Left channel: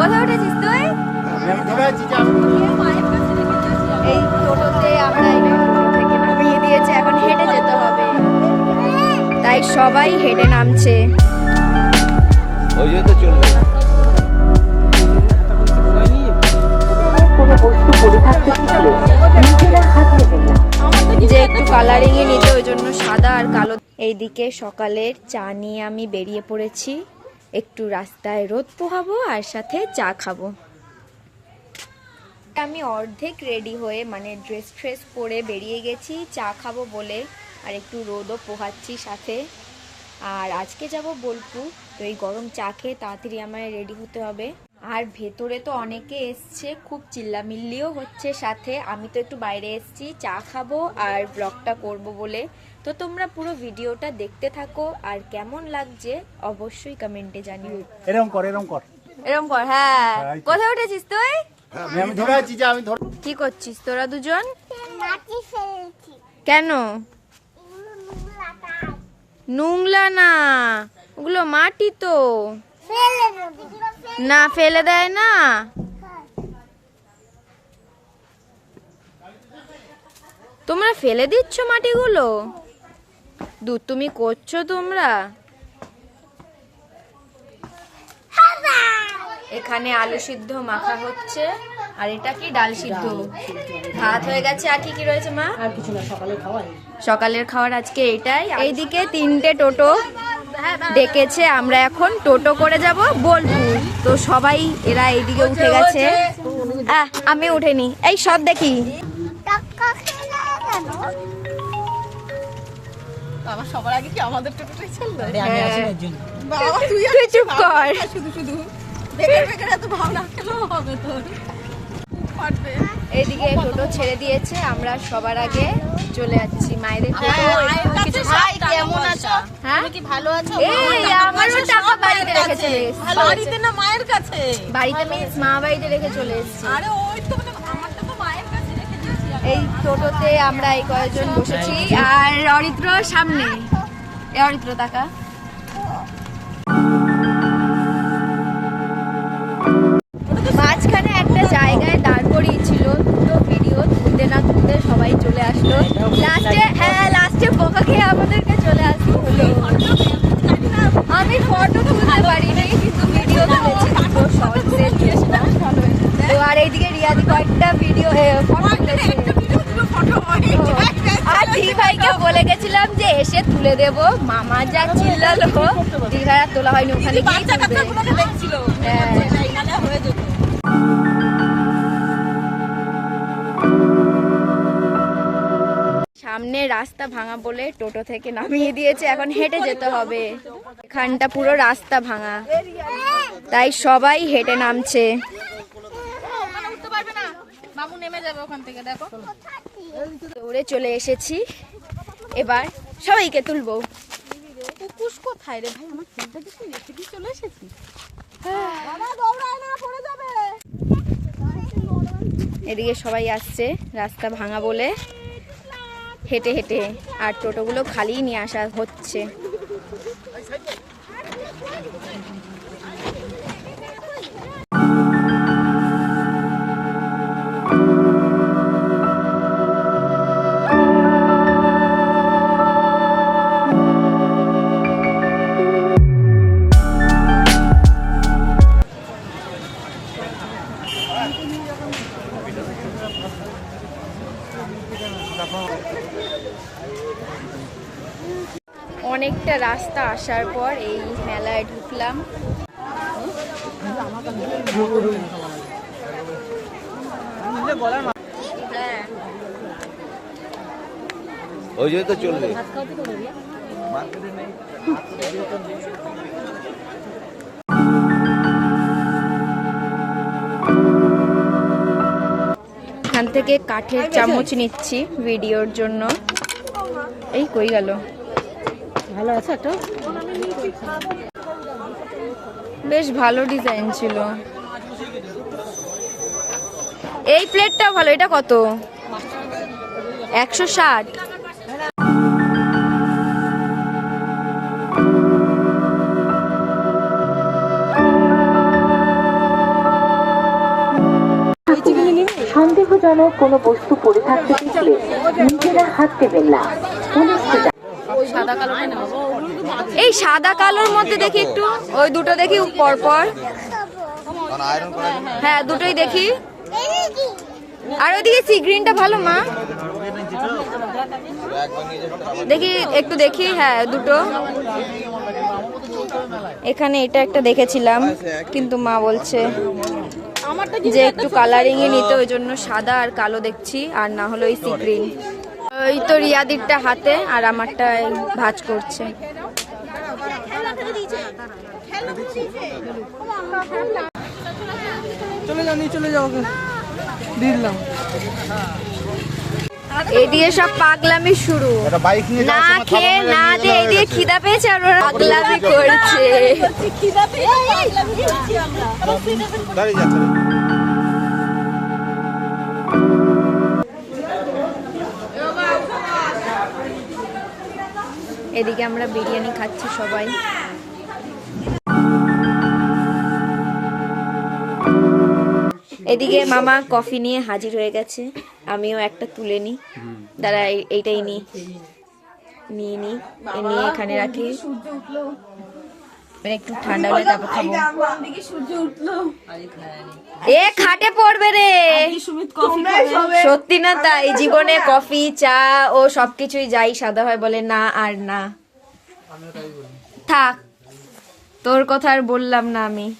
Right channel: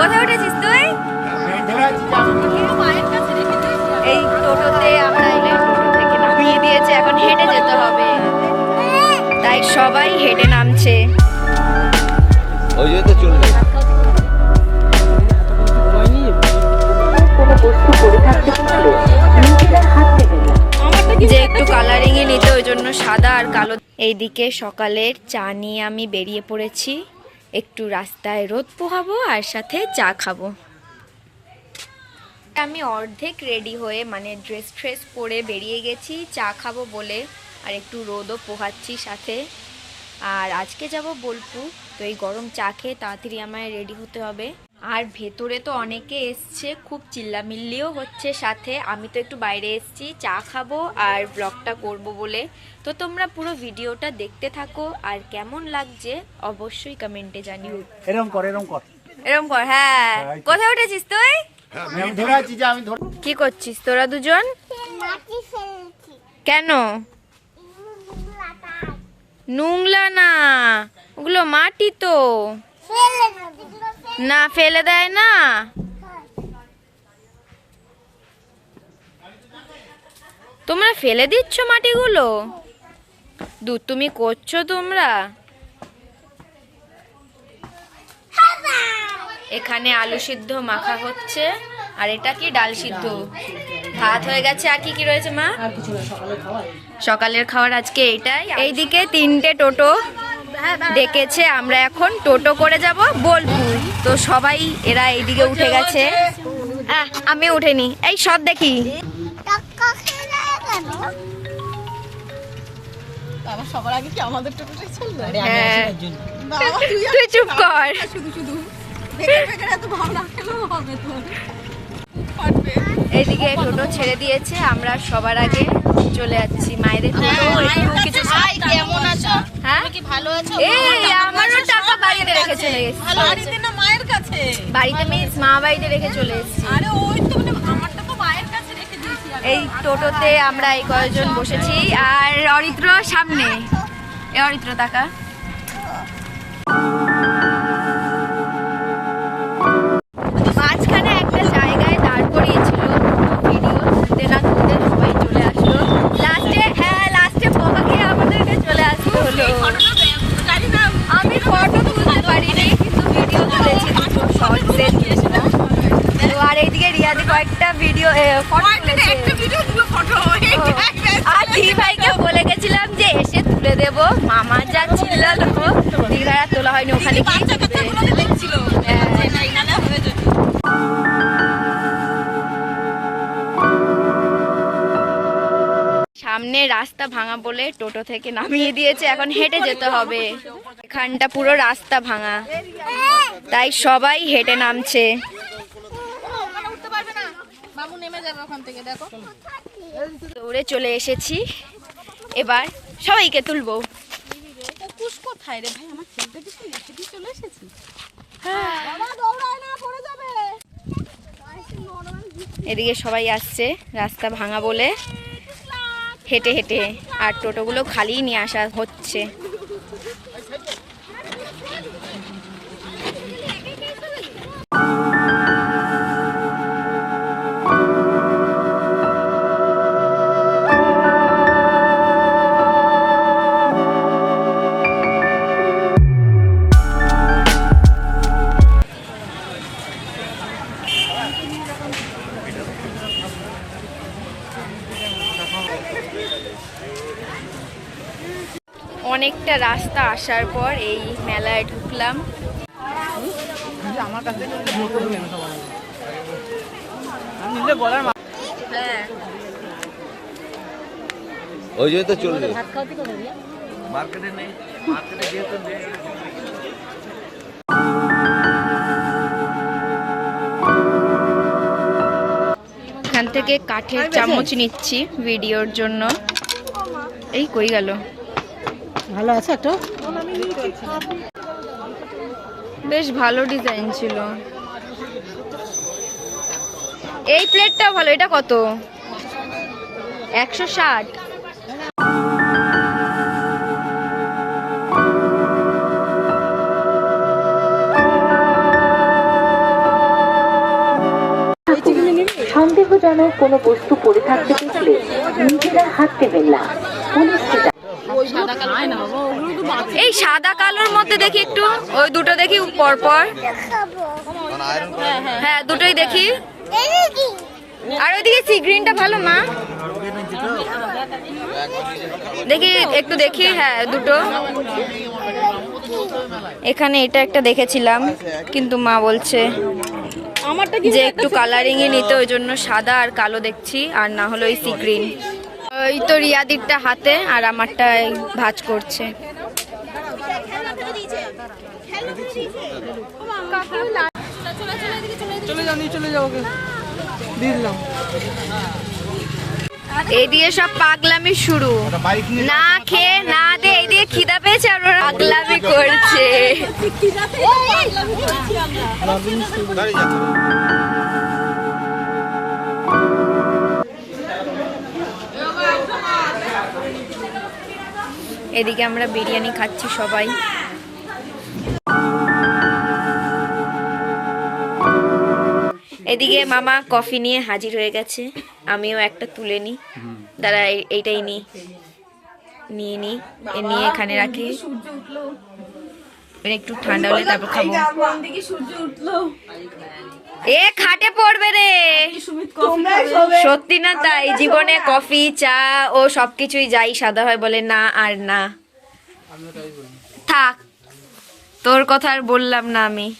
কোথায় উঠেছিস তুই? এই টোটোতে আমরা এলে টোটো থেকে নামিয়ে দিয়েছে এখন হেঁটে যেতে হবে। তাই সবাই হেঁটে নামছে। ওই তো চলবে। যে একটু কালারিং এ নিতে ওই জন্য সাদা আর কালো। এইদিকে সকালের চা নিয়ে আমি বেরিয়ে পড়েছি। একটু রাস্তায় রোদ পোহাবো আর সাথে চা খাব। আমি অর্ধেক রেডি হয়ে মানে ড্রেস ট্রেস পরে বেরিয়ে গেছি, চা খাব বলে, আর একটু রোদও পোহাচ্ছি সাথে। আর আজকে যাব বোলপুর, তো এই গরম চা খেয়ে তাড়াতাড়ি আমায় রেডি হতে হবে। আর ভেতরে তো অনেকে এসছে খুব চিল্লামিল্লিও হচ্ছে সাথে। আমি তো একটু বাইরে এসছি চা খাব আর ব্লগটা করব বলে। তো তোমরা পুরো ভিডিওটা দেখতে থাকো আর কেমন লাগছে অবশ্যই কমেন্টে জানিও। এরকম কর এরকম কর। এরকম কর হ্যাঁ। হ্যাঁ। কোথায় উঠেছিস তুই? আমি ধরে আছি যে আমি ধর কি করছিস তোরা দুজন? মাটি ফেলছি। কেন? নোংলা না ওগুলো মাটি তো। ফেলে দেবো। না ফেলে দেয় না। তোমরা ফেলে দিচ্ছ মাটিগুলো? দু তুমি করছ তোমরা? এখানে আলু সিদ্ধ মাখা হচ্ছে আর এটা কি ডাল সিদ্ধ? ভাত হয়ে গেছে আর কি কি রয়েছে মা? সকালের খাবার আজকে এটাই। এইদিকে তিনটে টোটো। ডেকেছে আমরা এখন টোটো করে যাব বোলপুর। তো সবাই এরা এইদিকে উঠে গেছে। আমি উঠেনি। এই সব দেখি। হ্যাঁ। তুই তুই চুপ কর। শুধু শুধু। এইদিকে টোটো ছেড়ে দিয়েছে আমরা সবার আগে চলে যাচ্ছি। মায়েদের টোটো একটু কিছু আছো? হ্যাঁ? কি ভালো আছো? এই আমারও টাকা বাড়িতে রেখে চলে এসেছি। বাড়িতে না মায়ের কাছে? বাড়িতে মিস মা বাড়িতে রেখে চলে এসেছি। আরে ওই তো মানে আমারটা তো মায়ের কাছে রেখে দিয়েছি এই টোটোতে আমরা এই কয়েকজন বসেছি। আর অরিত্র সামনে। এ অরিত্র টাকা মাঝখানে একটা জায়গায় দাঁড় করিয়েছিল দুটো ভিডিও তুলতে না তুলতে সবাই চলে আসলো লাস্টে হ্যাঁ লাস্টে বোকা খেয়ে আমাদেরকে চলে আসতে হলো জানি না আমি ফটো তুলতে পারিনি কিন্তু ভিডিও তুলেছি দুটো শর্টসের জন্য তো আর এইদিকে রিয়াদি কয়েকটা ভিডিও ফটো তুলেছে। আর দিদি ভাইকে বলে গেছিলাম যে এসে তুলে দেব। মামা যা চিল্লালো আর তোলা হয়নি ওখানে গিয়ে সামনে রাস্তা ভাঙা বলে টোটো থেকে নামিয়ে দিয়েছে এখন হেঁটে যেতে হবে। এখানটা পুরো রাস্তা ভাঙা। তাই সবাই হেঁটে নামছে। দৌড়ে চলে এসেছি। এবার সবাইকে তুলবো। কোথায় রে ভাই? আমার চলে এসেছি। এদিকে সবাই আসছে রাস্তা ভাঙা বলে। হেঁটে হেঁটে আর টোটোগুলো খালি নিয়ে আসা হচ্ছে। অনেকটা রাস্তা আসার পর এই মেলায় ঢুকলাম। ওই জন্য তো চলবে এখান থেকে কাঠের চামচ নিচ্ছি ভিডিওর জন্য। এই কই গেল? ভালো আছে একটু? বেশ ভালো ডিজাইন ছিল। এই প্লেটটা ভালো এটা কত? একশো ষাট। সন্দেহজনক কোনো বস্তু পড়ে থাকতে দেখলে নিজেরা হাত দেবেন না। পুলিশকে এই সাদা কালোর মধ্যে দেখি একটু, ওই দুটো দেখি পর পর হ্যাঁ দুটোই দেখি। আর ওইদিকে সি গ্রিনটা ভালো, মা? দেখি, একটু দেখি হ্যাঁ দুটো। এখানে এটা একটা দেখেছিলাম, কিন্তু মা বলছে যে একটু কালারিং এ নিতে, ওই জন্য সাদা আর কালো দেখছি, আর না হলো ওই সি গ্রিন। ওই তো রিয়াদিরটা হাতে, আর আমারটা ভাজ করছে। দিয়ে সব পাগলামি শুরু। না খেয়ে, না এই দিয়ে খিদা পেয়েছে করছে। এদিকে আমরা বিরিয়ানি খাচ্ছি সবাই। এদিকে মামা কফি নিয়ে হাজির হয়ে গেছে। আমিও একটা তুলে নিই। দাঁড়া, এই- এইটাই নিই। নিয়ে নিই। নিয়ে এখানে রাখি। সূর্য একটু ঠান্ডা হলে তারপর খাব। এ খাটে পড়বে রে। সত্যি না তাই, জীবনে কফি, চা ও সবকিছুই যাই সাদা হয় বলে না আর না। থাক, তোর কথা আর বললাম না আমি।